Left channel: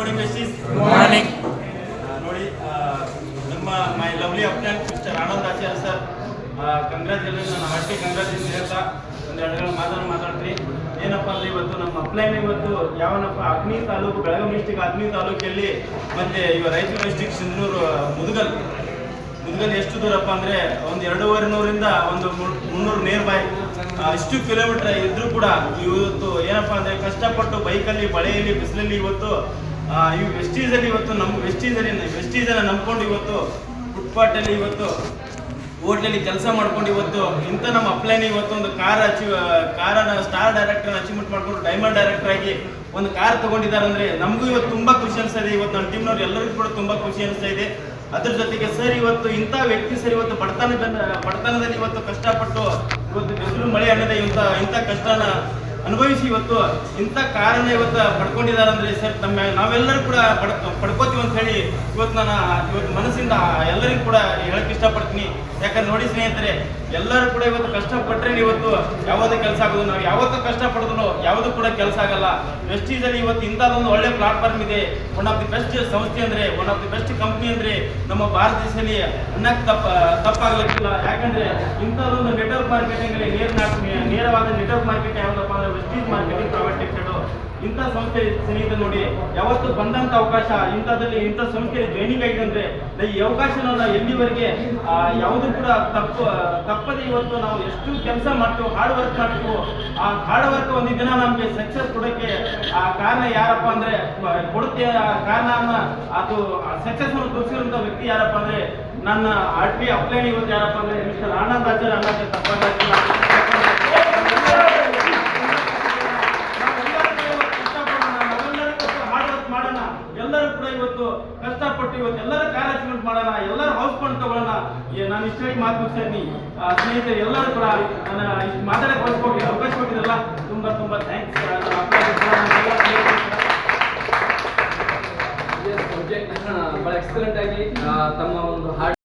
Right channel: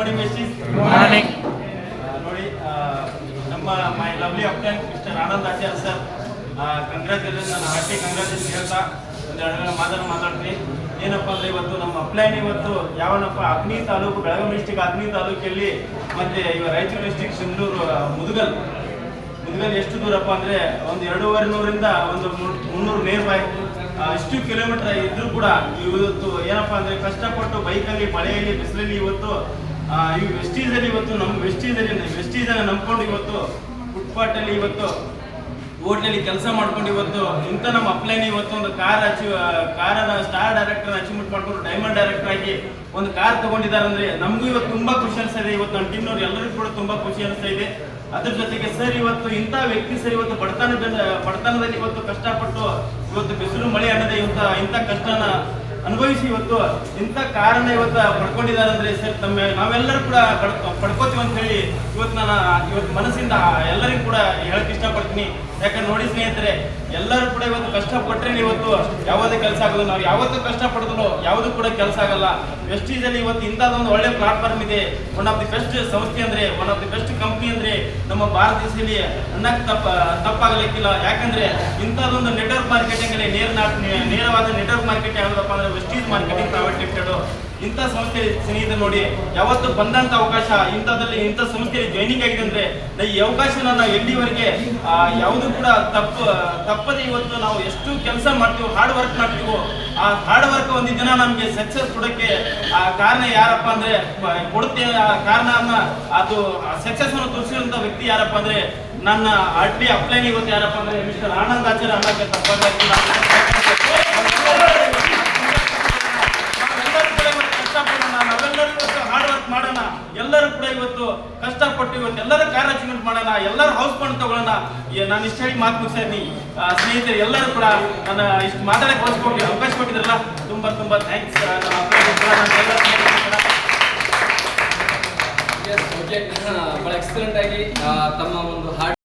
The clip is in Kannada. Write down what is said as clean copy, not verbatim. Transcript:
ಮಾರ್ನಿಂಗ್ ಮೆಸ್ಸೀಸ್. ಮಾರ್ನಿಂಗ್. ನೋಡಿ ನಮ್ಮ ಮೈ ಲವ್ಲಿ ಅಪ್ಲೈನ್ mister Anand Acharya sir, congratulation. ನಾನು ಹಾರ್ಟಿ ಕಂಗ್ರ್ಯಾಚುಲೇಷನ್ ಹೇಳ್ತಾ ಒಂದೆರಡು ಮಾತಾಡ್ತೀನಿ. ಏನಪ್ಪ ಅಂದರೆ ಇವತ್ತು ನಮ್ಮ ಅಪ್ಲೈನ್ ಇವತ್ತು ಯಾವನಪ್ಪ ಅಗ್ನಿ ತಾಲೂಕು, ಬೆಳಗಾವಿ ಡಿಸ್ಟಿಕ್ ಅಗ್ನಿ ತಾಲೂಕಲ್ಲಿ ಮತ್ತು ಇವ ರಾಯಚೂರು ಡಿಸ್ಟಿಕ್ ಸಿಂಧೂರು ಮುದಗಲ್ ಎಷ್ಟು ದೂರಪ್ಪ ಅಂದರೆ ಒಂದು 2,200ರಿಂದ ಒಂದು 300 ನೇರ್ ಬೈ ಇಷ್ಟು ಕಿಲೋಮೀಟರ್ ಇದ್ರೂ ಕೂಡ ಇವತ್ತು ಏನಪ್ಪ ಅಂದರೆ ಕಷ್ಟಪಟ್ಟು ಬೈಕಲ್ಲಿ ಮಳೆಯಲ್ಲಿ ಬಿಸಿಲಲ್ಲಿ ಇವತ್ತು ಈ ವೆಸ್ಟೀಸಲ್ಲಿ ಇವತ್ತು ನಮ್ಮ ವೆಸ್ಟೀಸನ್ನು ನಂಬ್ಕೊಂಡು ಇವತ್ತು ಫುಟ್ಪಾಟಲ್ಲಿ ಇವತ್ತು ಹೋಟ್ಲಲ್ಲಿ ಕೆಲಸ ಮಾಡ್ಕೊಂಡು ಇವತ್ತು ಇಂಥ ನಮ್ಮ ಅಪ್ಲೈನ್ ಇವತ್ತು ಒಂದು ಕಾರನ್ನು ಸ್ಟಾರ್ ಡೈರೆಕ್ಟರ್ ಅಚೀವ್ಮೆಂಟ್ ಮಾಡ್ಕೊಂಡು ಡೈಮಂಡ್ ಡೈರೆಕ್ಟರ್ ಆಗಿ ಒಂದು ಕಾರ್ ತಗೊಂಡಿದ್ದಾರೆ ಅಂದರೆ ನಮಗೂ ಇವತ್ತು ತುಂಬ ಖುಷಿ ಅನಿಸ್ತಾ ಇದೆ. ಇವತ್ತು ನನ್ನ ಟೀಮ್ನವ್ರು ಎಲ್ಲರಿಗೂ ಕೂಡ ತುಂಬ ಖುಷಿ ಅನಿಸ್ತಾ ಇದೆ. ಅದ್ರ ಜೊತೆಗೆ ಸರ್ ಇವತ್ತು ಇಂಥ ವ್ಯಕ್ತಿ ಸರ್ ಇವತ್ತು ಬಡತನದಲ್ಲಿ ಇವತ್ತು ಕಷ್ಟಪಟ್ಟು ಇವತ್ತು ಬಿಸಿಲು ಮಳೆ ಅನ್ನೋದೇ ಇಂಥ ಕಷ್ಟನ ಅನುಭವಿಸಿ ಇವತ್ತು ಇಂಥ ಕಾರಣ ಇವತ್ತು ಪಡ್ಕೊಂಡಿದ್ದಾರೆ ಅಂದರೆ ಸರ್ ನಾವೆಲ್ಲರೂ ಕೂಡ ಪಡ್ಕೋತೀವಿ ಅಂತ ಹೇಳಿ ಇವತ್ತು ಮನಸ್ಸಿಂದ ಎಲ್ಲರಿಗೂ ಕೂಡ ಹೇಳಕ್ಕೆ ಇಷ್ಟಪಡ್ತೀನಿ. ಯಾಕಂದ್ರೆ ನೋಡಿ ಸ್ನೇಹಿತರೆ, ಎಲ್ಲರೂ ಕೂಡ ಇವತ್ತು ಕಷ್ಟಪಟ್ಟರೆ ಇವತ್ತು ಯಾವುದೇ ಕೆಲಸ ಆಗೋದು. ನಾವು ಯಾವತ್ತೂ ಕಷ್ಟಪಡಿದ್ರು ಯಾವುದೂ ಕೂಡ ಕೆಲಸ ಆಗಲ್ಲ. ವೆಸ್ಟೀಸಲ್ಲಿ ಇವತ್ತು ಇಂಥದ್ದೊಂದು ಒಳ್ಳೆ ಪ್ಲಾಟ್ಫಾರ್ಮ್ ಇದೆ. ಒನ್ ಆಫ್ ದಿ ಬೆಸ್ಟ್ ಸಂಸ್ಥೆ ಅಂದರೆ, one of the best company ಅಂದರೆ ನಮ್ಮ ಭಾರತ ದೇಶದಲ್ಲಿ ಅನ್ನಕ್ಕೆ ತಪ್ಪಾಗಲಿಕ್ಕಿಲ್ಲ. ಯಾಕಂದರೆ ಇಂಥದ್ದೊಂದು ನೆಟ್ವರ್ಕ್ ಮಾರ್ಕೆಟಿಂಗ್ ಅಲ್ಲಿ ನೇರವಾದ ನೆಟ್ವರ್ಕ್ ಮಾರ್ಕೆಟ್ ಯಾವುದಪ್ಪ ಅಂದರೆ ವೆಸ್ಟೀಸ್ ಮಾರ್ಕೆಟಿಂಗ್ ಪ್ರೈವೇಟ್ ಲಿಮಿಟೆಡ್. ಇಂಥ ಸಂಸ್ಥೆ ಸ್ನೇಹಿತರು ನೋಡಿ, ಯಾವತ್ತು ಬಂದಂಥ ಅವಕಾಶ ಇಂಥ ಸಂಸ್ಥೆಯಲ್ಲಿ ಜಾಯ್ನಿಂಗ್ ಆಗಿದೆ ಅಂದರೆ ಈ ಅವಕಾಶನ ನಾವು ಎಲ್ಲಿವರೆಗೆ ಯಾವುದೂ ಕೂಡ ತಪ್ಪದೆ ಇವತ್ತು ನಾವು ಎಷ್ಟು ಕೆಲಸ ಮಾಡ್ತೀವೋ, ಹಾರ್ಡ್ ವರ್ಕ್ ಮಾಡ್ತೀವೋ, ಆ ಹಾರ್ಡ್ ವರ್ಕ್ ಒಂದು ದಿನ ನಮಗೆ ಸಕ್ಸಸ್ ಕೊಡೋಕ್ಕೆ ಕಾರಣ ಯಾರಪ್ಪ ಅಂದರೆ ಕೊಡುತ್ತೆ. ಆ ಕಾರಣನ ಅದು ಸಕ್ಸಸ್ ಅನ್ನು ತೋರಿಸಿರುವಂಥ ವ್ಯಕ್ತಿ ಯಾರಪ್ಪ ಅಂದರೆ ನನ್ನ ಆರ್ಟಿ ಅಪ್ಲೈನ್ ಇವತ್ತು ಯಾರಪ್ಪ ಅಂದರೆ ಮಿಸ್ಟರ್ ಆನಂದ್ ಆಚಾರ್ಯ ಅನ್ನೋಕ್ಕೆ ತಪ್ಪಾಗಿಲ್ಲ. ಮಾಡೋಣ, ಎಲ್ಲರೂ ಕೂಡ ಇವತ್ತು ಕಷ್ಟಪಟ್ಟು ಇವತ್ತು ಎಲ್ಲರೂ ಕಾರ್ ಅಚೀವ್ಮೆಂಟ್ ಮಾಡೋಣ, ಎಲ್ಲರೂ ಹೌಸ್ ಫಂಡ್ ತಗೊಳ್ಳೋಣ. ನಾನು ಇಷ್ಟ ಹೇಳಿ ಮಾತು ಮುಗಿಸ್ತೀನಿ. ಸ್ನೇಹಿತರೆ ಎಲ್ಲರೂ ಕೂಡ ನನ್ನ ಇಷ್ಟು ಮಾತಾಡಕ್ಕೆ ಅವಕಾಶ ಕೊಟ್ಟಿದ್ರಲ್ಲ, ತುಂಬ ಥ್ಯಾಂಕ್ಸ್. ಬಹಳ ಎಕ್ಸಲೆಂಟ್ ಆಗಿ ತಮ್ಮ ಒಂದು